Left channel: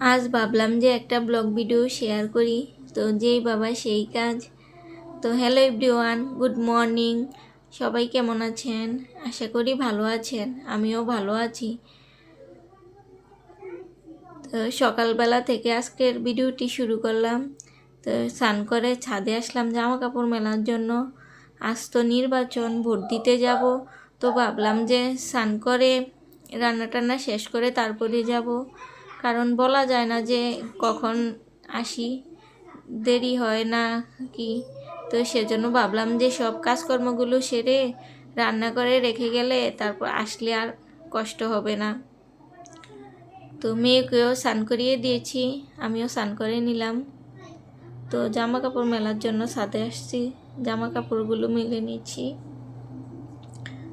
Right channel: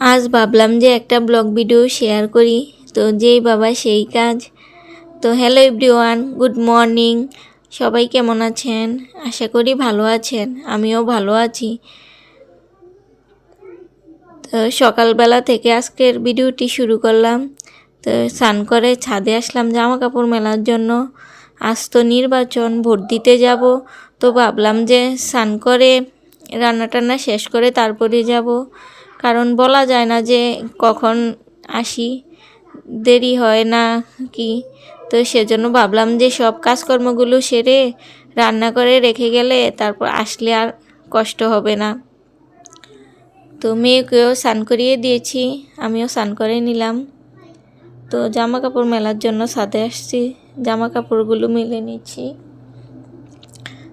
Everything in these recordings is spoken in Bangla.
আজ ভাবলাম যে একটা ব্লগ ভিডিও শেয়ার করি, তো যেই বাবা সেই কাজ। তো হ্যালো এভরিওয়ান, গুড মর্নিং। সবাই কেমন আছেন? আশা করি ভালো আছেন, আমিও ভালো আছি। তো সকালবেলা থেকে আজকের ভিডিওটি শুরু করলাম। তো স্নান করে ছাদে আসলাম জামা কাপড় মেলার জন্য। আজ তো নির্বাচন, ভোট দিতে যাব। তো ভাবলাম যে স্নান করে রান্না টান্না শেষ করে তারপরে যাব, কারণ বলা যায় না যে কখন আসি, দেরি হয় না কি। তো সেজন্য ভাবলাম যে সব কাজকর্মগুলো সেরে রান্না করে রেখে গেলে তারপর আসলে আর কষ্ট হবে না। তো মেয়েকেও স্নান করিয়ে দিয়েছি, আমিও স্নান করে নিলাম। তো জামা কাপড় মেলার জন্য ছাদে আসছি, জামা কাপড়গুলো মেলে নিচ্ছি।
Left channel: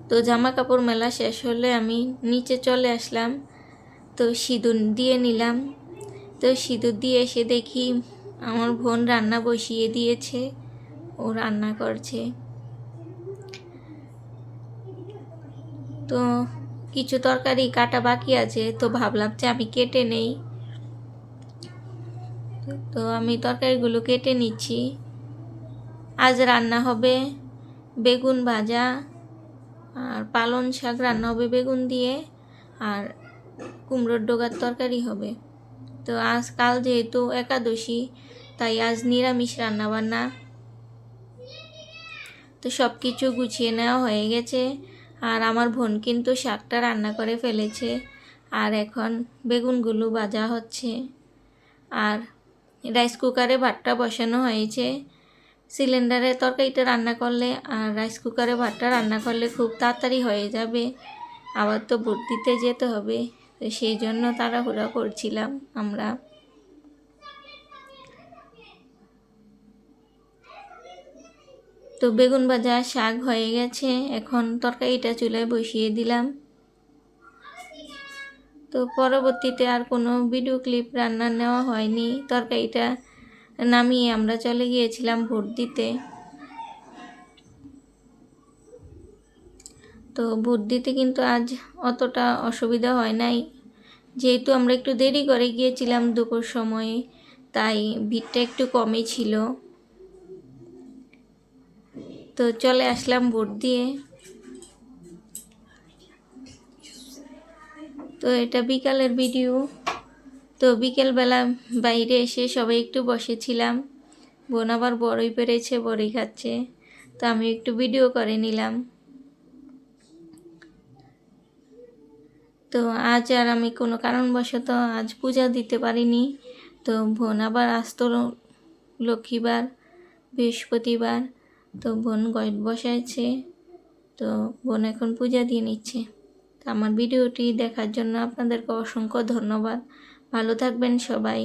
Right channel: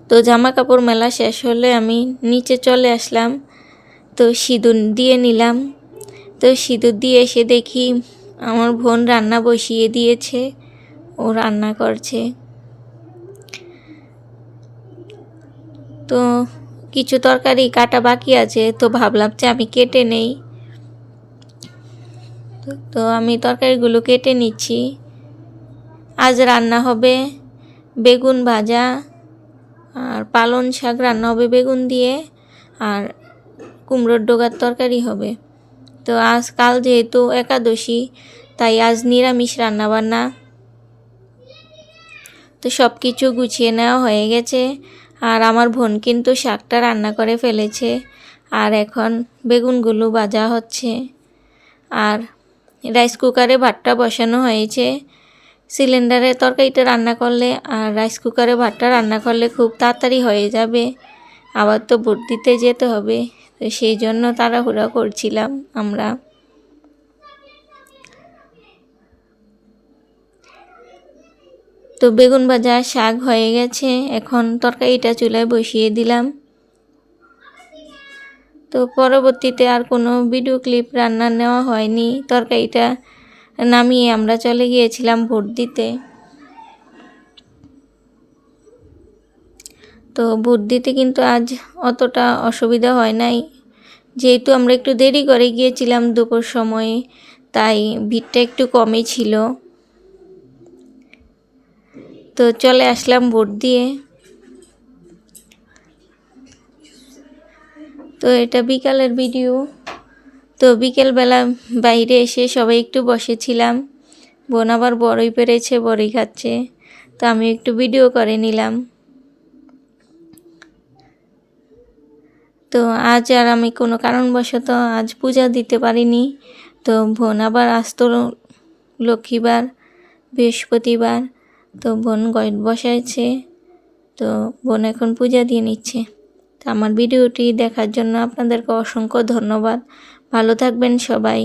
তো জামা কাপড় মেলা শেষ হলে আমি নিচে চলে আসলাম। তো সিঁদুর দিয়ে নিলাম। তো সিঁদুর দিয়ে এসে দেখি আমার বোন রান্না বসিয়ে দিয়েছে, ও রান্না করছে। তো কিছু তরকারি কাটা বাকি আছে, তো ভাবলাম যে আমি কেটে নেই। তো আমি তরকারিগুলো কেটে নিচ্ছি। আজ রান্না হবে বেগুন ভাজা, আর পালং শাক রান্না হবে বেগুন দিয়ে, আর কুমড়োর ডোগার তরকারি হবে। তো কাল যেহেতু একাদশী, তাই আজ নিরামিষ রান্নাবান্না। তো সব কিছু গুছিয়ে নেওয়া হয়ে গেছে, আর আমার বোন কিন্তু শাকটা রান্না করে ফেলেছে, আর এখন বেগুনগুলো ভাজা হচ্ছে। আর রাইস কুকারে ভাতটা বসানো হয়েছে। সিলিন্ডারে তরকারিটা রান্না করলে আর রাইস কুকারে ভাতটা রান্না করলে খুব তাড়াতাড়ি হয়ে যাবে। আবার তো ভোট দিতে যেতে হবে, তো সেই জন্য তাড়াহুড়া করছিলাম আমরা। তো বেগুন ভাজা শাক হয়ে গেছে, এখন তরকারিটা চুলায় বসিয়ে দিলাম। তো পরবর্তীতে আর কোনো ভিডিও ক্লিপ রান্না নেওয়া হয়নি। তরকারিটা নামিয়ে আমরা চলে গিয়েছিলাম ভোট দিতে। তো ভোট দিতে কিন্তু আজ অতটা অসুবিধা হয় নাই, যেহেতু আমরা একটু দেরি করে গিয়েছিলাম দুপুর সময়ে, তাই ভিড়টা একটু কমই ছিল। তো চলে আসলাম ভোট দিয়ে। তো এটা বিকালের ভিডিও। তো বিকেলবেলা বাইরে এসে সবাই একটু বসেছিলাম। বোন আবার বড়ই পেরেছে, বড়ই খাচ্ছে, তো আমি একটু ভিডিও করে নিলাম। তো আজ আর আমি কোনো কারণবশত আজ পূজা দিতে পারিনি। তো বোন আবার আসতো লক্ষ্মীবার, বৃহস্পতিবার, তো বোন গয়ত বসাইছে। তো বোন এখন পূজা দিয়ে নিচ্ছে। তো আমার ভিডিওটি দেখার জন্য আপনাদেরকে অসংখ্য ধন্যবাদ। ভালো থাকবেন সবাই।